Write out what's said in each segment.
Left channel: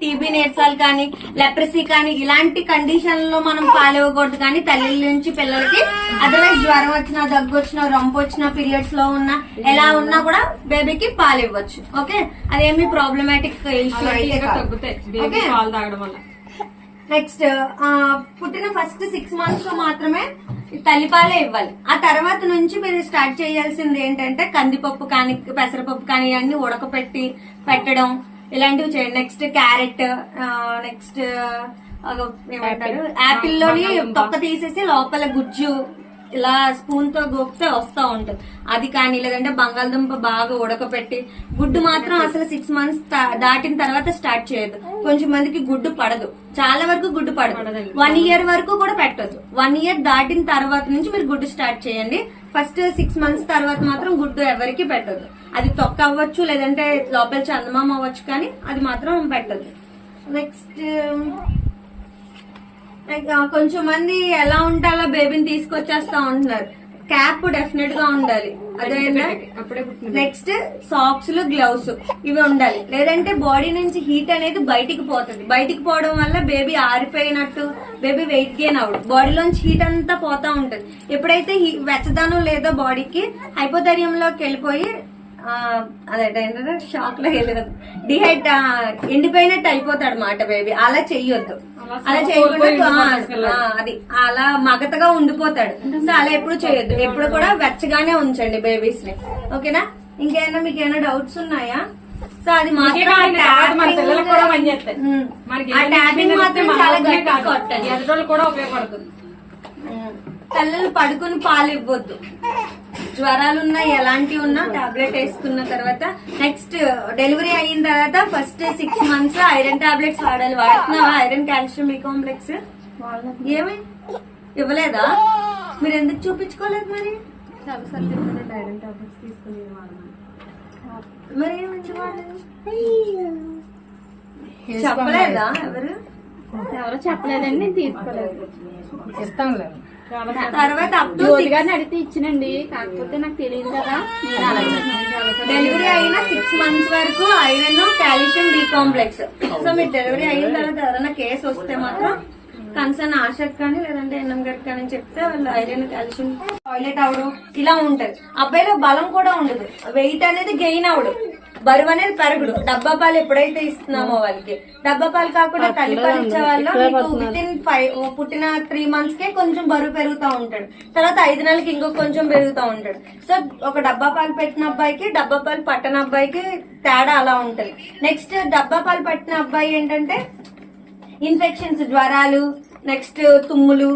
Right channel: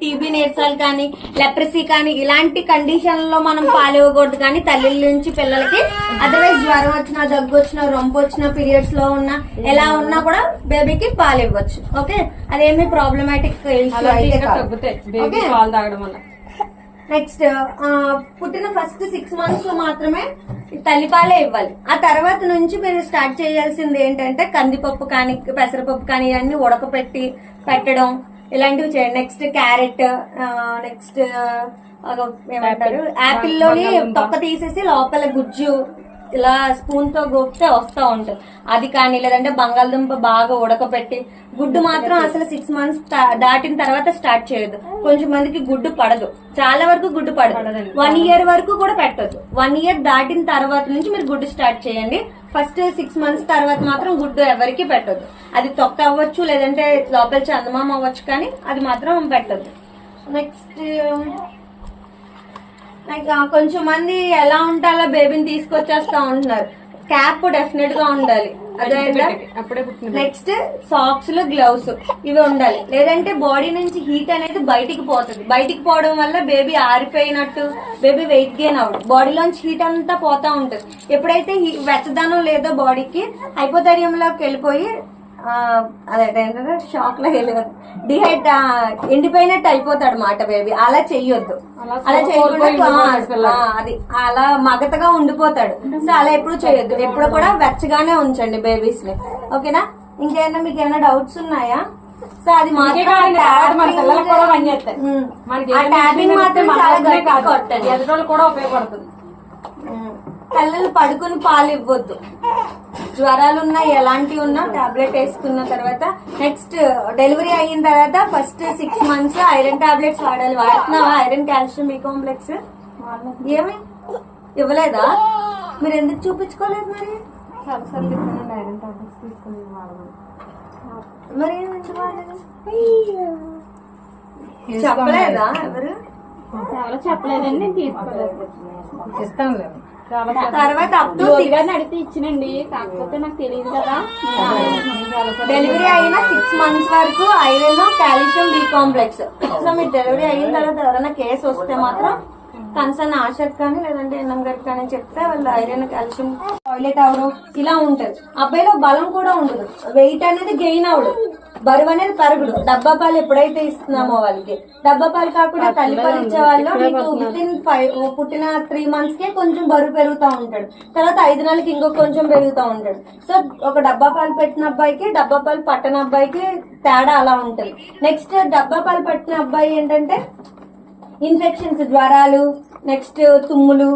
TB నేర్చాలి కానీ leprosy కానీ ఇలాంటి కండిషన్లో మనం పాలు ఇవ్వకూడదు కానీ తల్లిల నుంచి పిల్లలకి అదర్వైజ్ జ్వరం వచ్చినా దగ్గు వచ్చినా రొంపు వచ్చినా పీరియడ్స్లో ఉన్నా ఎలా ఉన్నా కూడా బేబీకి పాలు ఇవ్వచ్చు ఓకే అదేమి ప్రాబ్లమాటిక్ ఇష్యూ అయితే నెక్స్ట్ పుట్టిన ఫస్ట్ సిక్స్ మంత్స్ మాత్రమే తల్లిపాలే ఇవ్వాలి. ఆ తర్వాత నుంచి మీరు స్టార్ట్ చేయాల్సింది ఏంటంటే కందిపప్పు కానీ పెసరపప్పు కానీ ఇవన్నీ ఉడకపెట్టి పెట్టడం ఇలాంటివి చేయండి. నెక్స్ట్ క్యారెట్ నెక్స్ట్ ఏమంటారు? యాపిల్లోని తొక్క తీసేసి లోపల గుజ్జు ఇలా స్పూన్తో గోపితే వస్తా ఉంటుంది. అది కానీ లేదంటే బంగాళదుంప బాగా ఉడకపెట్టి గుడ్డు మాత్రం అసలు సిక్స్ మంత్స్ దాటిన తర్వాత స్టార్ట్ చేయొద్దు. కొంచెం మందికి గుడ్డు పడదు. చాలా వరకు గుడ్డు పడదు. వన్ ఇయర్ వరకు కూడా పెట్టొద్దు. వన్ ఇయర్ దాటిన తర్వాత నుంచి మీరు గుడ్డు స్టార్ట్ చేయండి. ఫస్ట్ సిక్స్ మంత్స్ తర్వాత మాత్రం గుడ్డు ఎవరికి పెట్టొద్దు. అది తొక్క అవ్వచ్చు లేదంటే లోపల చందమామ అవ్వచ్చు కానీ అది మాత్రం పెట్టొద్దు. నెక్స్ట్ లైక్, కొంచెం మంది ఎలా ఉంటే అలా బేబీని తీసుకొచ్చేస్తా ఉంటున్నారు. క్యాప్ డెఫినెట్గా ఉండాలి. పుట్టిన నెక్స్ట్ సాక్స్లు గ్లౌస్ ఇవి ఉండాలి. లేదంటే బాడీ నుంచి హీట్ అనేది బయటికి పోతుంది. బయటికి పోవడం వల్ల బేబీ ఆరిపోయినట్టు బేబీ వెయిట్ గెయిన్ అవడు బాడీలోంచి హీట్ అంతా పోతా ఉంటుంది. ఎప్పుడైతే వెచ్చదనం లేదో బాడీకి హైపోథరియంలోకి వెళ్ళిపోయి అదేంటంటే షాక్లో వెళ్ళదు డిహైడ్ ఎండిపోయినట్టు అయిపోతాడు మాట బేబీ అలా చెయ్యొద్దు. అలా చేయకుండా అది అలా మగతగా ఉండిపోతాడు. సో అలా ఎప్పుడు చేయొద్దు. ఎప్పుడు కూడా వెచ్చగానే ఉంచండి బేబీస్ని. ఓకేనా? ఇంకేమైనా మీకు ఏమైనా డౌట్స్ ఉన్నాయా? సో అది మాత్రం చాలా గట్టిగా కూడా ఉపయోగపడుతుంది. పిల్లలు పడుకుని పాలు ఇవ్వద్దు. జ్వరాలు ఉన్నా ఎలాంటివి ఉన్నా టాబ్లెట్ వేసుకున్న తర్వాత నెక్స్ట్ డెలివరీ అయిన తర్వాత first six months iron tablets వాడాలి. వాడుతున్నావా? ఐరన్ కాల్షియం బి కాంప్లెక్స్ ఏమి? ఇవ్వలేదా? మీరు ఎందుకు చూపించుకోలేదు మరి? ఐరన్ టాబ్లెట్స్ తీసుకుని? చెప్పలేదా ఎవరు? ఎవరో చెప్పలేదండి నేను తీసుకోలేదు. ఇస్తాంలే చాలా తర్వాత అప్ టు అడిగితే ఇచ్చినండి. కాకపోతే నాకు తెలియదు కదా. డెలివరీ అయిన సిక్స్ మంత్స్ వరకు iron calcium B complex so మీరు డెలివరీ అయిన తర్వాత ఎవరైనా కేసు వస్తే మాత్రం కన్సర్న్ ఆశకు కానీ లేదంటే ఎన్ఎం గట్ కానీ చెప్తే వాళ్ళు ఐరన్ కాల్షియం టాయిలెట్ అవడం ఇలా ఉంటది. అబ్బాయిలో బలం కూడా ఉండదు. వెయిట్ అనేది గెయిన్ అవడు బరువు అనేది పెరగడు డబ్బా పాలు ఎప్పుడైతే ఇస్తున్నామో వాళ్ళకి. డబ్బా పాలు కాకుండా తల్లిపాలు ఇచ్చే వాళ్ళు విత్ ఇన్ ఫైవ్ పుట్టిన త్రీ మంత్స్ కే కొంచెం బరువు పెరుగుతూ ఉంటాడు. తర్వాత ఐదు నెలలకి ఇంకొక కొంచెం పెరుగుతూ ఉంటాడు. సో ఒక డబ్బా పాలు పెట్టిన అబ్బాయికి డబ్బా పాలు పట్టని అబ్బాయికి తేడా అలా ఉంటది. నెక్స్ట్ డబ్బా పాలు పట్టిన అబ్బాయి ఏంటంటే ఇన్ఫెక్షన్స్ జ్వరాలు నెక్స్ట్ తుమ్ములు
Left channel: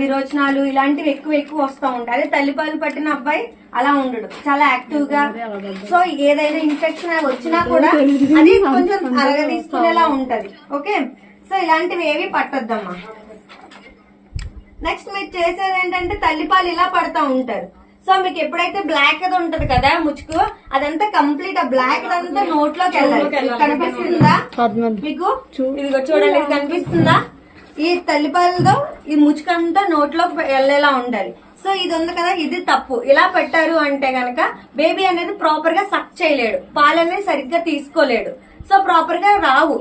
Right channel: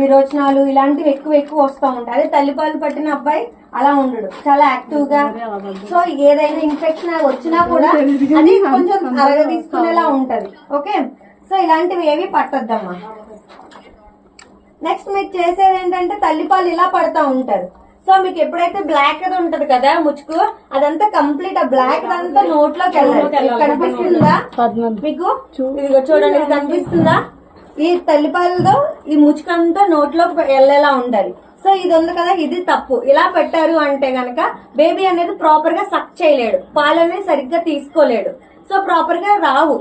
విరోచనాలు ఇలాంటివి ఎక్కువ ఎక్కువ వస్తూ ఉంటాయి. అదే తల్లిపాలు పట్టిన అబ్బాయి అలా ఉండడు. చాలా యాక్టివ్గా. సో ఏదైనా ఇన్ఫెక్షన్ అది వచ్చినా కూడా అది కొంచెం అరగ తీసుకునేలా ఉంటది. ఓకే? సో ఇలాంటివి ఏవి పట్టద్దమ్మా. నెక్స్ట్ మీరు చేసేది ఏంటంటే తల్లిపాలు ఇలా పడతా ఉంటారు. సో మీకు ఎప్పుడైతే బ్లాక్ అది ఉంటది కదా ముచ్చుకు అదంతా కంప్లీట్ ఆ బ్లాక్ అంతా నోట్లోకి వెళ్ళాలి. కనిపిస్తుందా? మీకు? ఇదిగో చూడండి కనిపిస్తుందా? ఈ తల్లిపాలతో ఈ ముచ్చుకంతా నోట్లోకి వెళ్ళేలా ఉండాలి. సో ఇది ఉంది కదా ఇది తప్పు. ఇలా పెట్టారు అంటే గనక బేబీ అనేది ప్రాపర్గా సక్ చేయలేడు. పాలనే సరిగ్గా తీసుకోలేడు. సో ప్రాపర్గా రావు.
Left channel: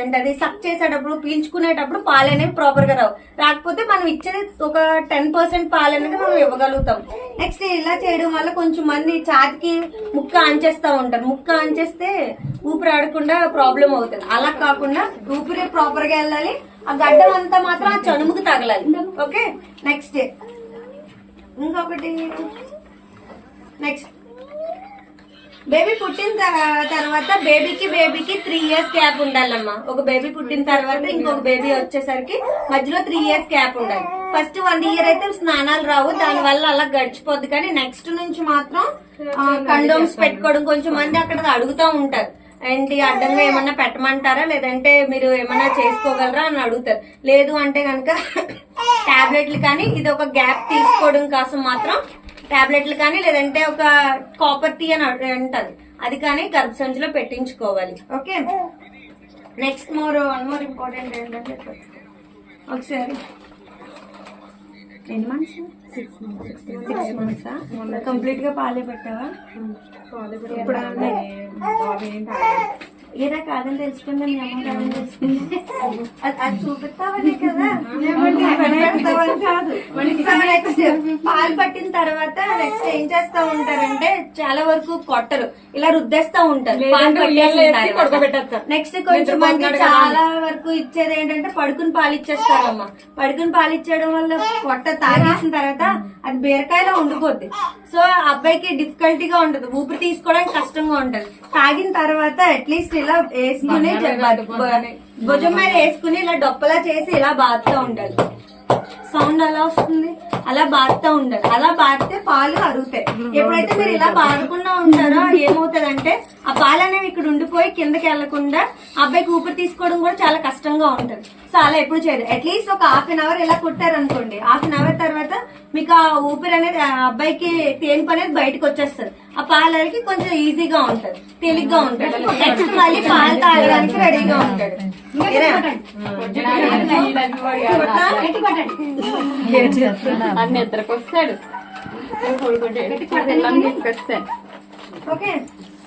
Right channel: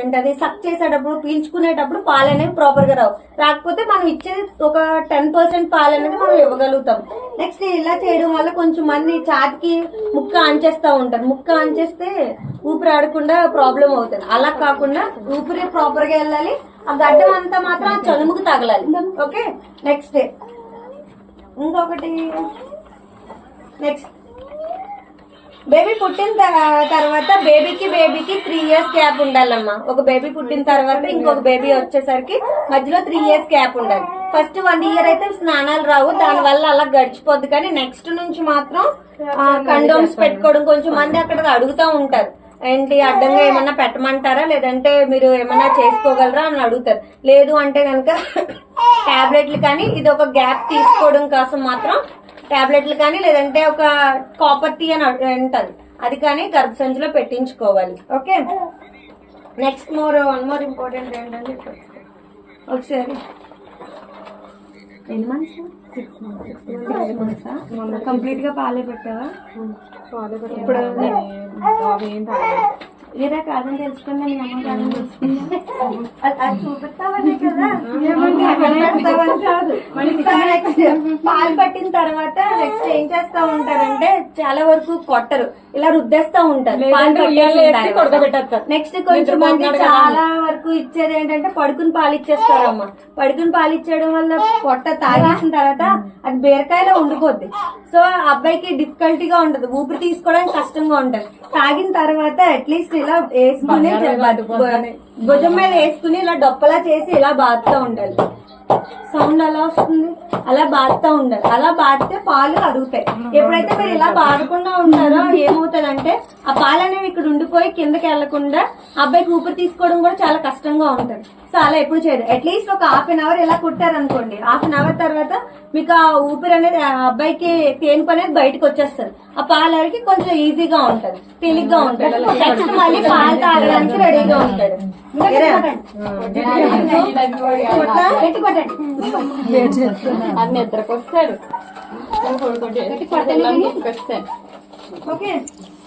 ఏంటది సక్ చేసేటప్పుడు పీల్చుకునేటప్పుడు పాలు అనేవి ప్రాపర్గా రావు. రాకపోతే మనం ఇచ్చేది ఒక టెన్ పర్సెంట్ పాలు అనేది మనం ఇవ్వగలుగుతాం. నెక్స్ట్ ఇలా చేయడం వల్ల కొంచెం మంది ఛాతికి ముక్క అంచేస్తా ఉంటారు. ముక్క అంచేస్తే ఊపిరి ఆడకుండా ప్రాబ్లం అవుతుంది. అలా కాకుండా ఊపిరి ప్రాపర్గా వెళ్ళాలి. ఆ గడ్డం అంతా మాత్రం ఆ చనుముకు తగలాలి. ఓకే నెక్స్ట్ ఇంకొకటి. నెక్స్ట్ బేబీ పుట్టిన తర- తర్వాత బేబీకి బేబీకి త్రీ ఇయర్స్ గ్యాప్ ఉండాలమ్మా. ఒక బేబీ పుట్టిన తర్వాత ఇంకొక బేబీ వచ్చేసరికి మధ్యలో త్రీ ఇయర్స్ గ్యాప్ ఉండాలి. ఫస్ట్ వన్ ఇయర్ అయితే స్నానాలు రావు దాని వల్ల అలా గడిచిపోద్ది. కానీ నెక్స్ట్ నుంచి మాత్రం కండోమ్స్ పెట్టుకోవడం కొంచెం మంది అక్కడ అడుగుతూ ఉంటారు. ఏంటి అడ్డంగా ఏమన్నా పెట్టమంటారా? లేదంటే మీరు ఏమన్నా చేసుకోగలరా అని అడుగుతారు. లేదు అంటే కనుక టాబ్లెట్లు కానీ ఇది ఒక గ్యాప్ తీసుకోవడం కోసం మాత్రం టాబ్లెట్లు కానీ లేదంటే ఒక కాపర్ టీ అని అంటది. అది కానీ గర్భసంచిలో పెట్టించుకోవాలి. Okay? Next more one more important ఏంటంటే ఒకసారి ఎన్ని months six months six months కంప్లీట్గా పాలే పెట్టావా? పాలు ఇప్పుడు బాబు ఏం ఈరా కాదని తెలుసుకున్నా మీ అమ్మ కాదని తెలుసుకుంటే అది అది చూపిస్తావని కదా? పాలు పట్టిన తర్వాత నెక్స్ట్ ఏం చేస్తా ఉంటారంటే చాలా వరకు కొట్టరు. ఇలా రుద్దేస్తా ఉంటారు. పాలు పట్టేసిన నెక్స్ట్ కొంచెం మంది చాలా వరకు ఇచ్చేది ఏంటంటే పడుకుని పాలు ఇచ్చేస్తారమ్మ. పడుకుని పాలు ఇచ్చేయడం వల్ల పొట్ట తాగేసిన తర్వాత అది బీరకాయలో ఉండిపోద్ది. సో ఆ అబ్బాయికి డిఫికల్టీగా ఉంటది. ఊపిరి తీసుకోవడానికి కష్టంగా ఉంటది. తాగిన తర్వాత అట్లీస్ట్ ఇలా వేసుకుని భుజం మీద వేసుకుని ఇలా డొప్పలా చేసి ఇలా బాదుతూ ఉండాలి. సౌండ్ అలా వస్తుంది? అలా బాదుతూ ఉండాలి. అలా బాదితే పాలు అరుగుతాయి. ఎప్పుడైతే మీరు ఇలా బాదకుండా ఉంటారో ఏమవుతుందంటే ఆ పాలు అనేవి ఇక్కడ ఉండిపోయి కిందకి వెళ్ళకుండా అబ్బాయికి ఊపిరి తీసుకోవడం కూడా చాలా కష్టంగా ఉంటుంది. సో అలా ఎప్పుడు చేయదు అట్లీస్ట్ ఒక హాఫ్ అన్ అవర్ ఇలా కుట్టారనుకోండి. హాఫ్ అన్ అవర్ తర్వాత మీకు ఆ ఊపిరి అనేది అబ్బాయికి తేనుపు అనేది బయటకు వచ్చేస్తుంది. ఆ పాలు అరిగి కొంచెం ఈజీగా ఉంటది. తేలిగ్గా ఉంటది. నెక్స్ట్ మళ్ళీ పాలు తాగడానికి రెడీగా ఉంటాడు. అన్ని ఇద్దరికి వస్తాడు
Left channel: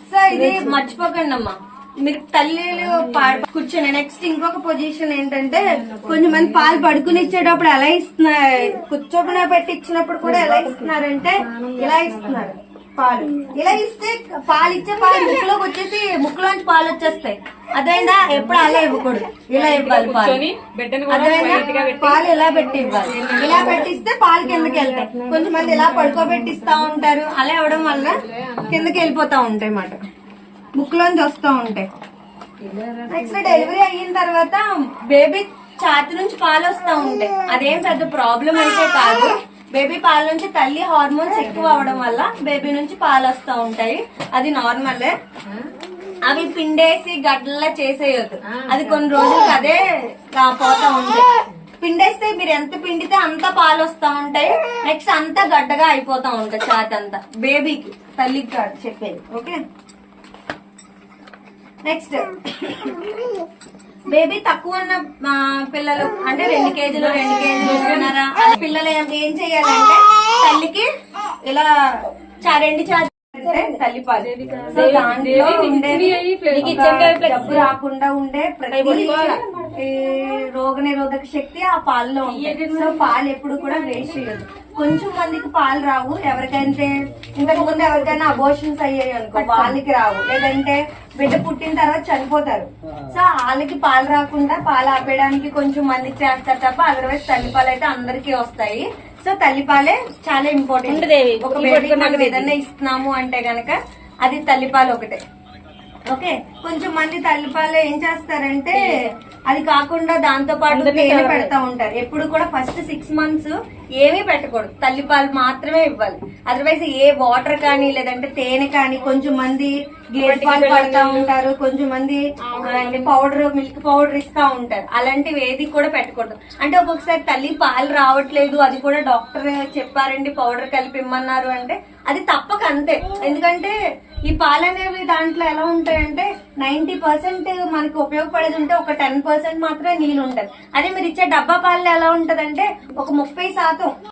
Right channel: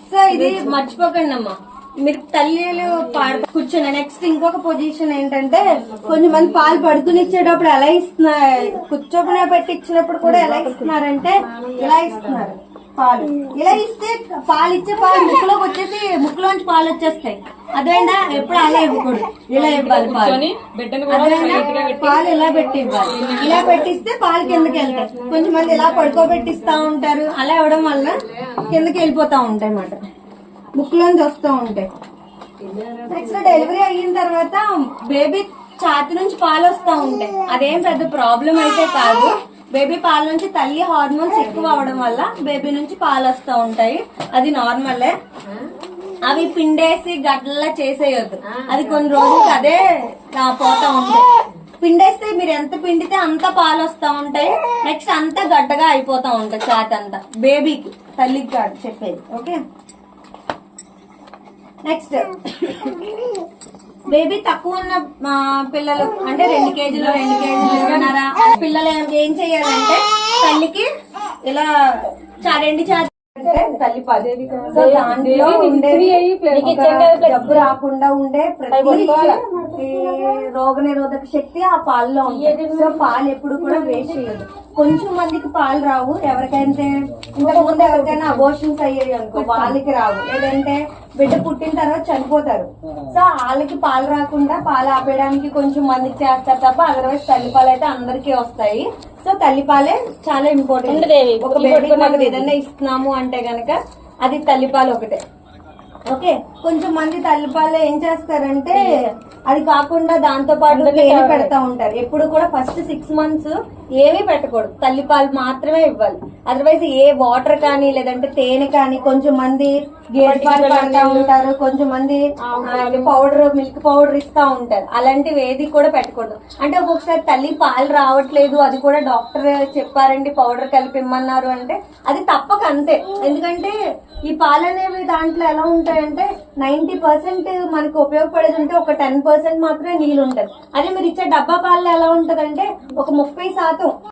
సో ఇది మర్చిపోకండి అమ్మా. మీరు తల్లిలు పాడు కూర్చొని నెక్స్ట్ ఇంకొక పొజిషన్ ఏంటంటే కొంచెం మంది పాలు పడుకుని ఇచ్చేటప్పుడు ఎలా ఇస్తున్నారు కూర్చోకుండా పెట్టి ఇచ్చినప్పుడు కూడా ఎలా ఇస్తున్నారంటే ఇలా ఇస్తున్నారు? పాలు. ఇలా ఇస్తే పాలు ఇచ్చే పాలు ముక్కులోకి వచ్చేసి ముక్కులోంచి పాలు వచ్చేస్తాయి. అదేందా? ఎప్పుడు అలా ఇవ్వకూడదు. ఇలా ఇవ్వాలి పాలు. పాలు ఇలా పెట్టి ఇవ్వాలి ఇలా పెట్టిస్తే పాలు కిందకి వెళ్తాయి. కొంచెం మంది ఇలా పడుకోబెట్టిస్తా ఉంటారు. అలా ఇవ్వడం వల్ల కిందకి వెళ్ళిపోతా ఉంటాయి అన్నమాట. ముక్కులోంచి వస్తూ ఉంటాయి. నెక్స్ట్ డెలివరీ అయిన తర్వాత బేబీ ఛాతి నుంచి పాలు వస్తూ ఉంటాయి. అదేం పెద్ద ప్రాబ్లం అయితే కాదు. బేబీ పాల నుంచి తల్లి హార్మోన్స్ ఎక్కువ అవడం వల్ల బేబీ నుంచి పాలు వస్తూ ఉంటాయి. అది నార్మలే. అవి పిండేసి గడ్డలా చేసేయొద్దు. అది కొన్ని రోజులకి అదే పోతా ఉంటాయి పిండేస్తే మీరు ఎంత పిండితే అంత పాలు వస్తా ఉంటాయి. నెక్స్ట్ అంతా గడ్డగా అయిపోతా ఉంటాయి ఛాతి అంతా. బేబీకి తల్లికి కాదు చెప్పేది. ఓకే? నెక్స్ట్. బేబీ తక్కువ ఉన్న పిల్లలు అంటే రెండు కేజీలు రెండు కేజీలు పిల్లలు ఏం ఏం చేయాలంటే తల్లికి ఇలా చా- రెండు చా తల్లి దాంట్లో రాకుండా ఉండే ప్రతి రోగ నిరోధక శక్తి ఆ పాలలో ఉంది సో పాలు ఎప్పుడు కూడా వేస్ట్ చేయదు కొంచెం మందికి పాలు రావు. ఎవరికైతే ఇంతకు ముందు ఎవరికైనా అబోషన్స్ అయ్యాయి అనుకో వాళ్ళకి రావు. లేదంటే బిడ్డ పుట్టిన తర్వాత చనిపోతారు. సో వాళ్ళకి పాలు రాకుండా పాలు ఆపేయడానికి కొంచెం మందికి చేస్తారు తప్ప అదర్వైజ్ తల్లిపాలు అయితే అందరికీ వస్తాయి. సో తల్లిపాలే చాలా ఇంపార్టెంట్ ఒక మనం ఏదైనా ఇస్తున్నాము అంటే గనక అది తల్లిపాలు ఒకటే. ఓకే కొంచెం మంది తల్లిపాలు ఏం చేస్తారంటే అది కాకుండా దాంతో పాటు తేనె పెడతా ఉంటారు. ఎప్పుడు కూడా ఫస్ట్ సిక్స్ మంత్స్ ఏమీ పెట్టకూడదు. తల్లిపాలు మాత్రమే ఇవ్వాలి. అదర్వైజ్ ఏ వాటర్ కానీ లేదంటే తేనె కానీ కొంచెం మంది గేదె పాలు పడతా ఉంటారు. కొంచెం మంది పౌడర్ మిల్క్ పౌడర్ ఇస్తా ఉంటారు. అలాంటివి ఏది కూడా పెట్టకూడదు. అంటే ఒక్కొక్కసారి తల్లి పాలు రావట్లేదు అది కూడా డాక్టర్ చెప్పారండి పౌడర్ కలిపి ఇమ్మన్నారు అంటే అది తప్పక అంతే. ఎందుకంటే ఈ పాలు అనేవి దాంట్లో ఎలా ఉంటాయంటే నైన్టీ పర్సెంట్ మనకి ఉపయోగపడేది ఉంటే ఒక టెన్ పర్సెంట్ మాత్రమే నీళ్ళు ఉంటుంది అదే మీరు ఇచ్చే డబ్బా పాలు ఎలా ఉంటదంటే ఒక ముప్పై శాతం